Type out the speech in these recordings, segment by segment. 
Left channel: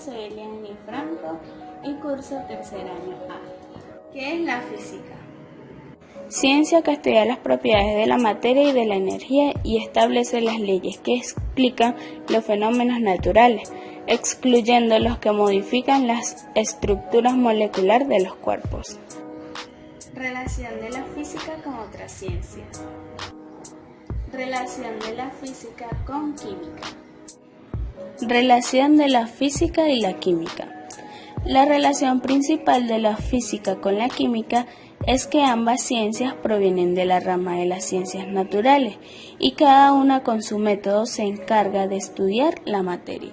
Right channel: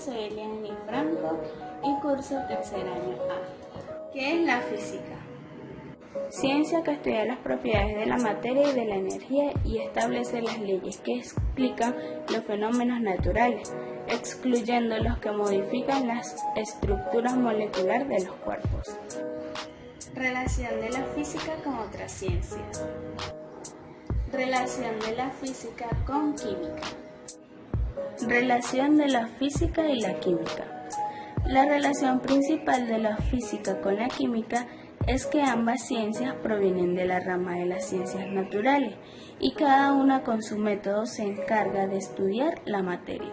soy Eliani Franco y curso tercer año A. ¿Qué es la física? Ciencia que estudia las propiedades de la materia y de la energía y establece las leyes que explican los fenómenos naturales, excluyendo los que modifican las estructuras moleculares de los cuerpos. Relación de la física con otras ciencias. Relación de la física con química. Relación de la física y la química. La relación principal de la física con la química es que ambas ciencias provienen de la rama de las ciencias naturales y cada una con su método se encarga de estudiar la materia.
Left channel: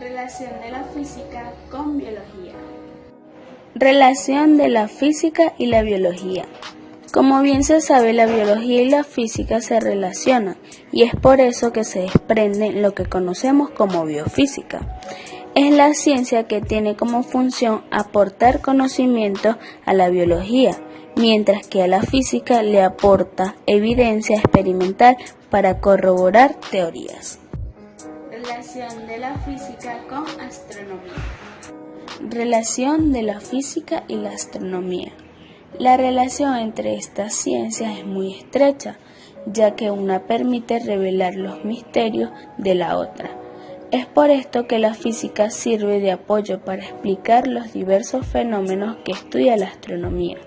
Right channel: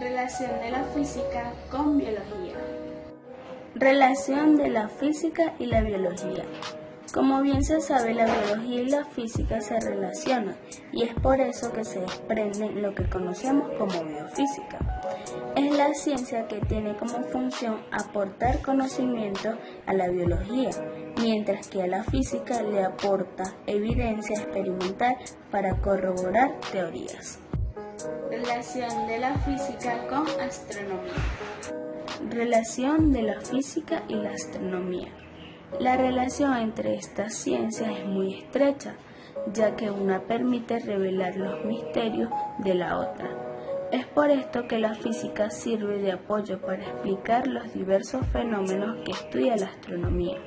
Relación de la física con biología. Relación de la física y la biología. Como bien se sabe, la biología y la física se relacionan y es por eso que se desprende lo que conocemos como biofísica. Es la ciencia que tiene como función aportar conocimiento a la biología, mientras que a la física le aporta evidencia experimental para corroborar teorías. Relación de la física con astronomía. Relación de la física y la astronomía. La relación entre estas ciencias es muy estrecha, ya que una permite revelar los misterios de la otra. Es por esto que la física sirve de apoyo para explicar los diversos fenómenos que estudia la astronomía.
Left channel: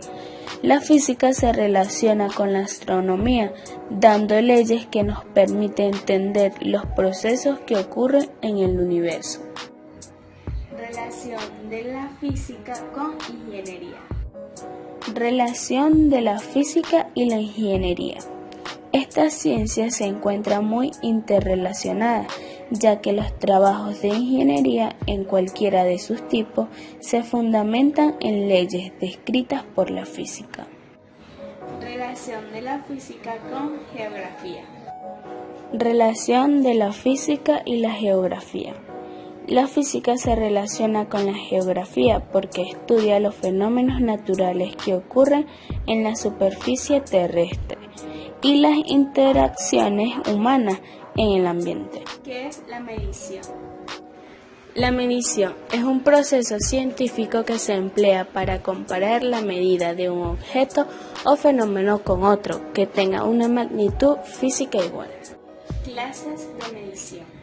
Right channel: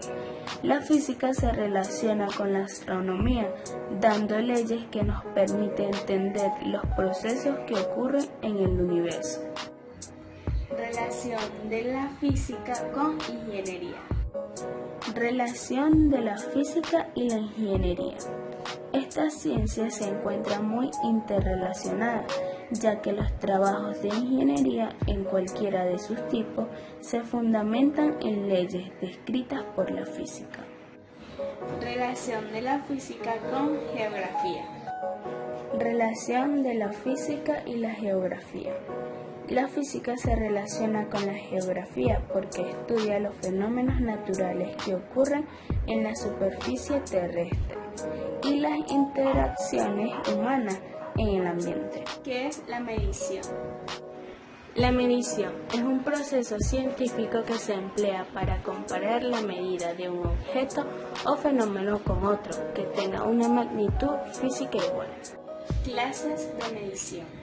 La física se relaciona con la astronomía, dando leyes que nos permiten entender los procesos que ocurren en el universo. Relación de la física con ingeniería. Relación de la física y la ingeniería. Estas ciencias se encuentran muy interrelacionadas, ya que los trabajos de ingeniería en cualquiera de sus tipos se fundamentan en leyes descritas por la física. Relación de la física con geografía. Relación de la física y la geografía. La física se relaciona con la geografía porque estudia los fenómenos naturales que ocurren en la superficie terrestre y las interacciones humanas en el ambiente. ¿Qué es la medición? La medición es un proceso científico que se emplea para comparar la medida de un objeto o fenómeno con otro que tenga una magnitud física igual. Clases de medición.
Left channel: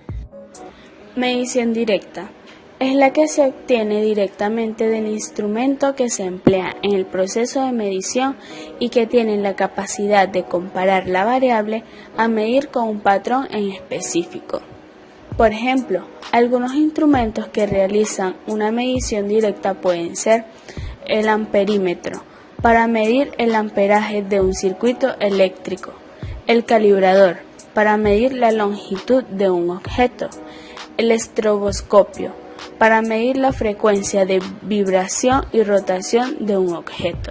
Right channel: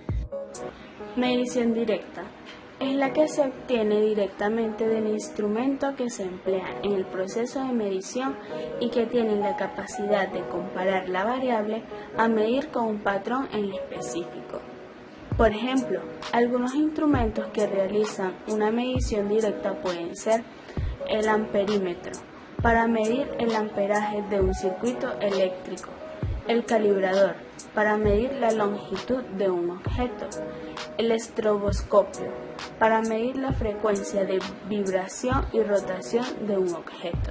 Medición directa. Es la que se obtiene directamente del instrumento que se emplea en el proceso de medición y que tiene la capacidad de comparar la variable a medir con un patrón en específico. Por ejemplo, algunos instrumentos que realizan una medición directa pueden ser el amperímetro, para medir el amperaje de un circuito eléctrico, el calibrador, para medir la longitud de un objeto, el estroboscopio, para medir la frecuencia de vibración y rotación de un objeto.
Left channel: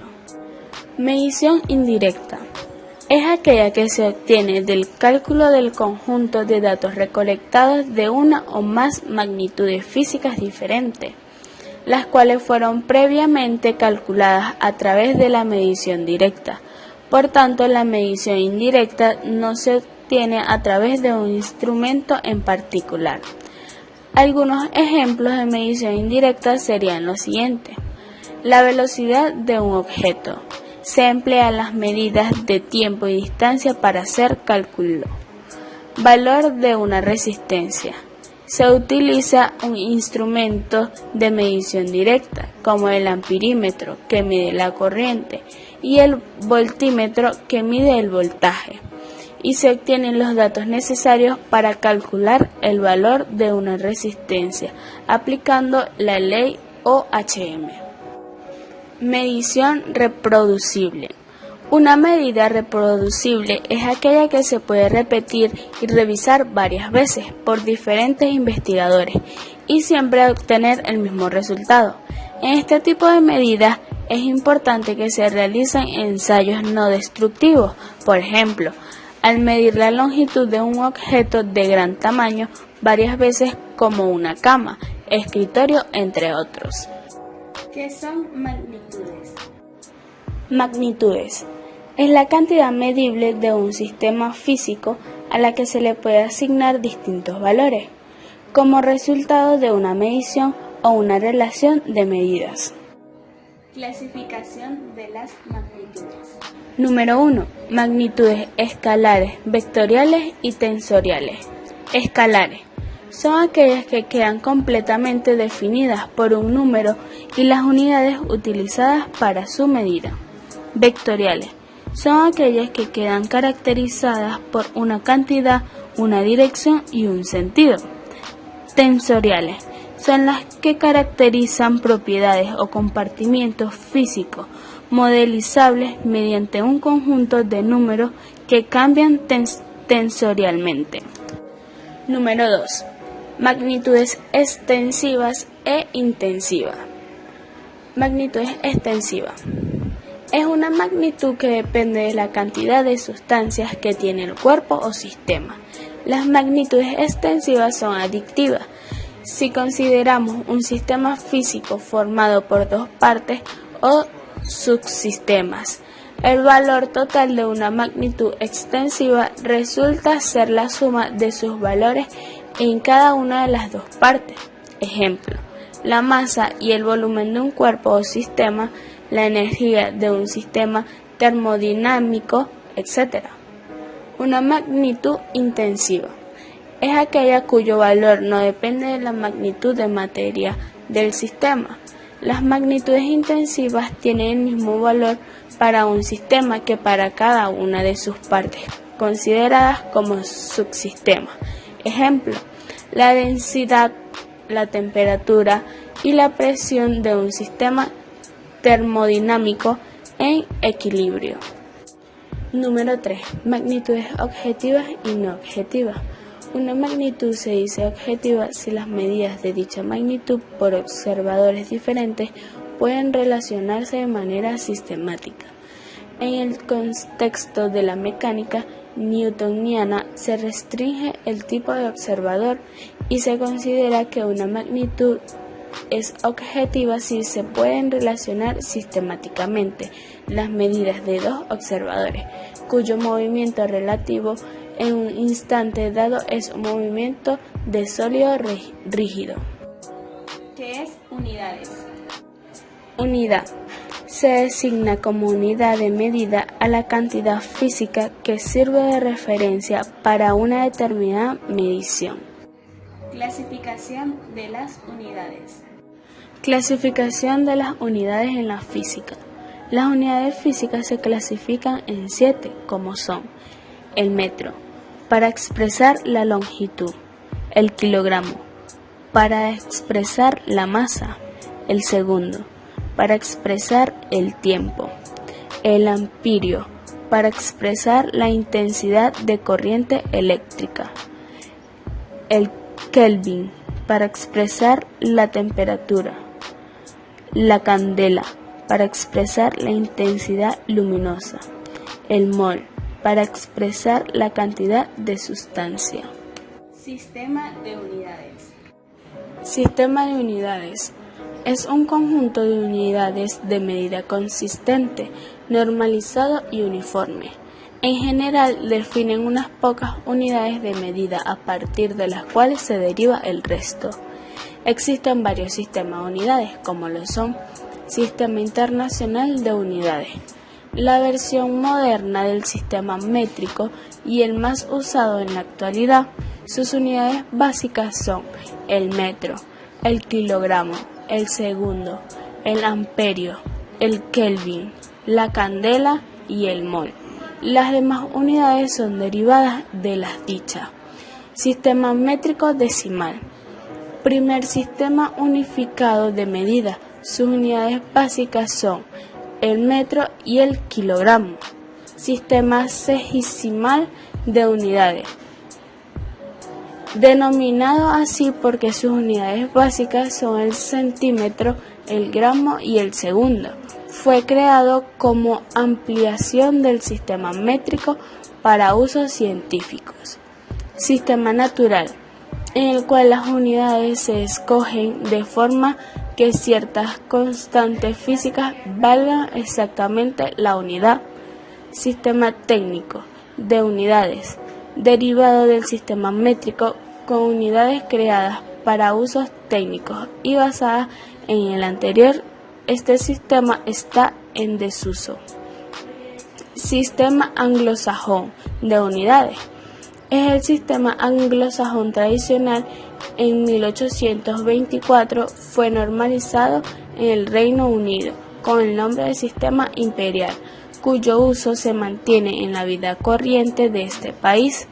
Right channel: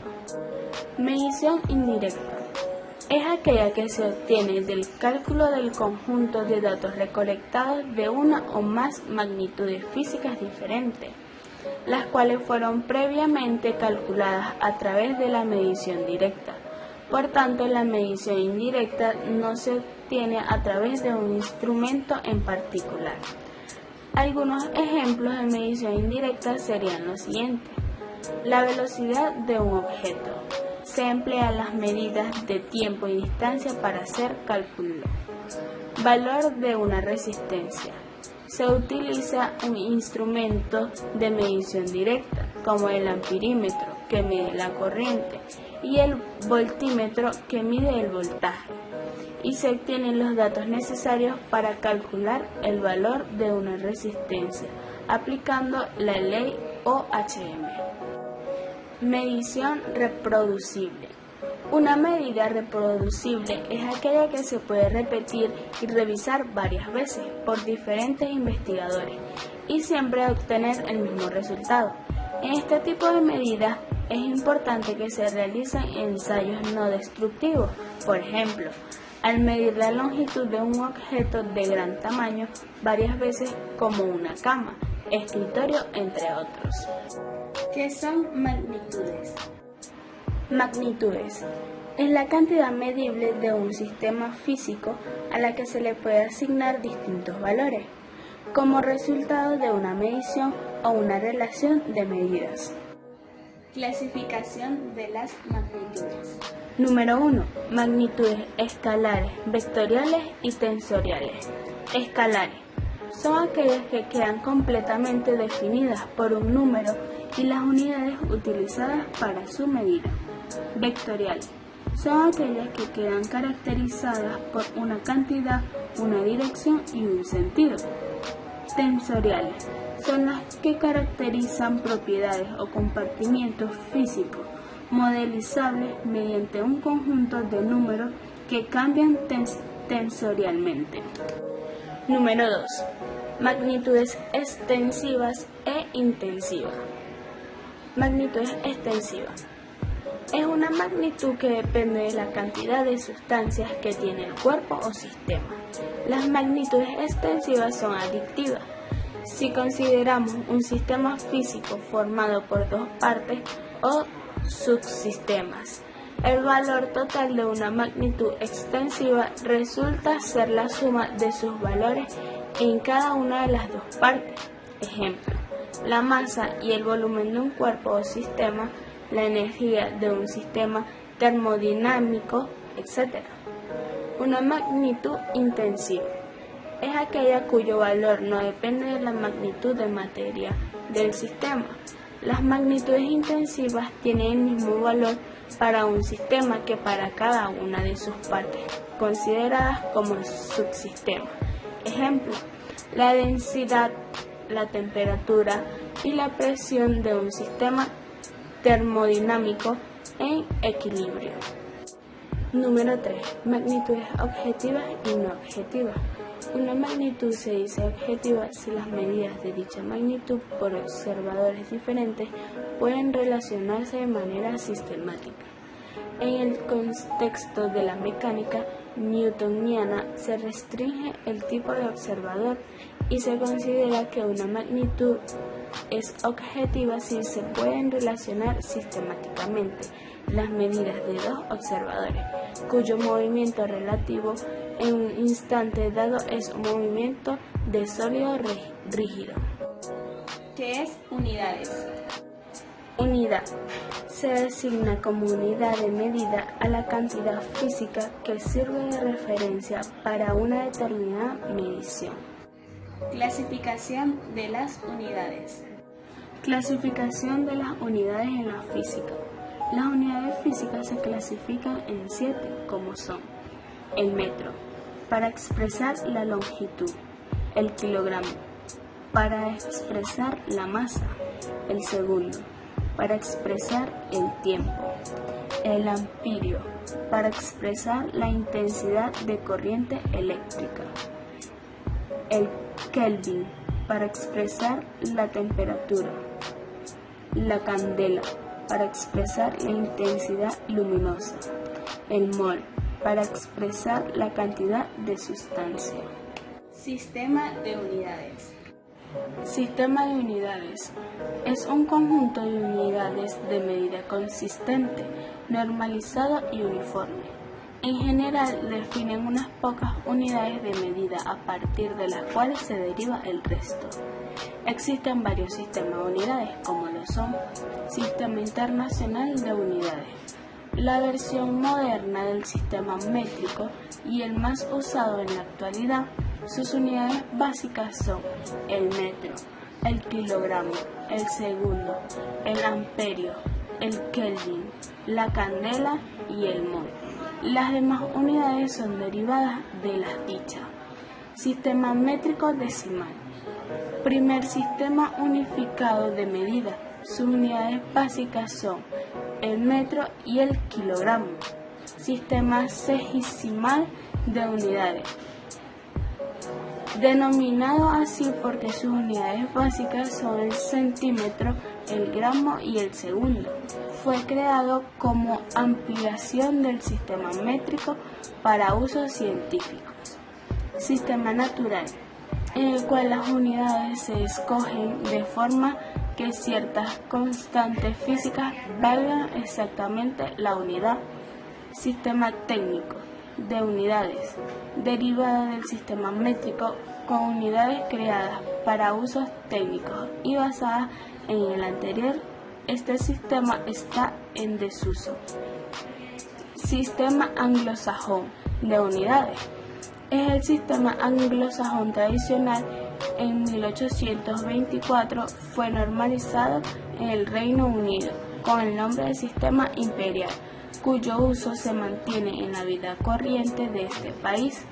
Medición indirecta. Es aquella que se obtiene del cálculo del conjunto de datos recolectados de una o más magnitudes físicas diferentes, las cuales fueron previamente calculadas a través de la medición directa. Por tanto, la medición indirecta no se obtiene a través de un instrumento en particular. Algunos ejemplos de medición indirecta serían los siguientes. La velocidad de un objeto. Se emplea las medidas de tiempo y distancia para hacer cálculo. Valor de una resistencia. Se utiliza un instrumento de medición directa, como el amperímetro, que mide la corriente, y el voltímetro, que mide el voltaje, y se obtienen los datos necesarios para calcular el valor de una resistencia, aplicando la ley OHM. Medición reproducible. Una medida reproducible es aquella que se puede repetir y revisar varias veces por diferentes investigadores y siempre obtener el mismo resultado. En este tipo de medidas es importante que se realicen ensayos no destructivos, por ejemplo, al medir la longitud de un objeto de gran tamaño varias veces como una cama, escritorio, entre otros. ¿Qué son magnitudes? Magnitudes. Es la cantidad medible de un sistema físico a la que se le puede asignar distintos valores. como resultado de una medición o una relación de medidas. Clasificación de las magnitudes. Número 1. Magnitudes escalares, vectoriales y tensoriales. Escalares son aquellas que quedan completamente definidas por un número y las unidades utilizadas para su medida. Vectoriales son aquellas que quedan caracterizadas por una cantidad, una dirección y un sentido. Tensoriales son las que caracterizan propiedades o compartimientos físicos modelizables mediante un conjunto de números que cambian tensorialmente. Número 2. Magnitudes extensivas e intensivas. Magnitudes extensivas. Es una magnitud que depende de la cantidad de sustancias que tiene el cuerpo o sistema. Las magnitudes extensivas son adictivas. Si consideramos un sistema físico formado por dos partes o subsistemas, el valor total de una magnitud extensiva resulta ser la suma de sus valores en cada una de las dos partes. Ejemplo, la masa y el volumen de un cuerpo o sistema, la energía de un sistema termodinámico, etc. Una magnitud intensiva es aquella cuyo valor no depende de la magnitud de materia del sistema. Las magnitudes intensivas tienen el mismo valor para un sistema que para cada una de sus partes, consideradas como subsistemas. Ejemplo, la densidad, la temperatura y la presión de un sistema termodinámico en equilibrio. Número 3. Magnitudes objetivas y no objetivas. Una magnitud se dice objetiva si las medidas de dicha magnitud por observadores diferentes pueden relacionarse de manera sistemática. En el contexto de la mecánica newtoniana se restringe el tipo de observador y se considera que una magnitud es objetiva si se pueden relacionar sistemáticamente las medidas de dos observadores, cuyo movimiento relativo en un instante dado es un movimiento de sólido rígido. ¿Qué es unidades? Unidad se designa como unidad de medida a la cantidad física que sirve de referencia para una determinada medición. Clasificación de las unidades. Clasificación de las unidades en la física. Las unidades físicas se clasifican en 7, como son: el metro, para expresar la longitud; el kilogramo, para expresar la masa; el segundo, para expresar el tiempo; el amperio, para expresar la intensidad de corriente eléctrica; el kelvin, para expresar la temperatura; la candela, para expresar la intensidad luminosa; el mol, para expresar la cantidad de sustancia. Sistema de unidades. Sistema de unidades es un conjunto de unidades de medida consistente, normalizado y uniforme. En general definen unas pocas unidades de medida a partir de las cuales se deriva el resto. Existen varios sistemas de unidades, como lo son: Sistema Internacional de Unidades, la versión moderna del sistema métrico y el más usado en la actualidad. Sus unidades básicas son el metro, el kilogramo, el segundo, el amperio, el kelvin, la candela y el mol. Las demás unidades son derivadas de las dichas. Sistema métrico decimal. Primer sistema unificado de medida. Sus unidades básicas son el metro y el kilogramo. Sistema sexagesimal de unidades, denominado así porque sus unidades básicas son el centímetro, el gramo y el segundo. Fue creado como ampliación del sistema métrico para usos científicos. Sistema natural, en el cual las unidades se escogen de forma que ciertas constantes físicas valgan exactamente la unidad. Sistema técnico de unidades, derivado del sistema métrico con unidades creadas para usos técnicos y basadas en el anterior. Este sistema está en desuso. Sistema anglosajón de unidades. Es el sistema anglosajón tradicional. En 1824 fue normalizado en el Reino Unido con el nombre de sistema imperial, cuyo uso se mantiene en la vida corriente de este país.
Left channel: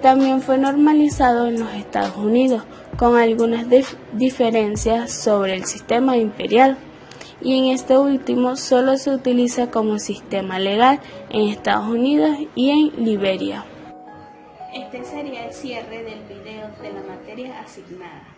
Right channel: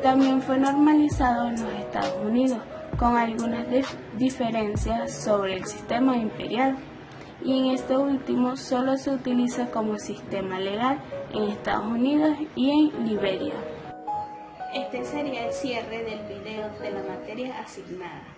También fue normalizado en los Estados Unidos, con algunas diferencias sobre el sistema imperial, y en este último solo se utiliza como sistema legal en Estados Unidos y en Liberia. Este sería el cierre del video de la materia asignada.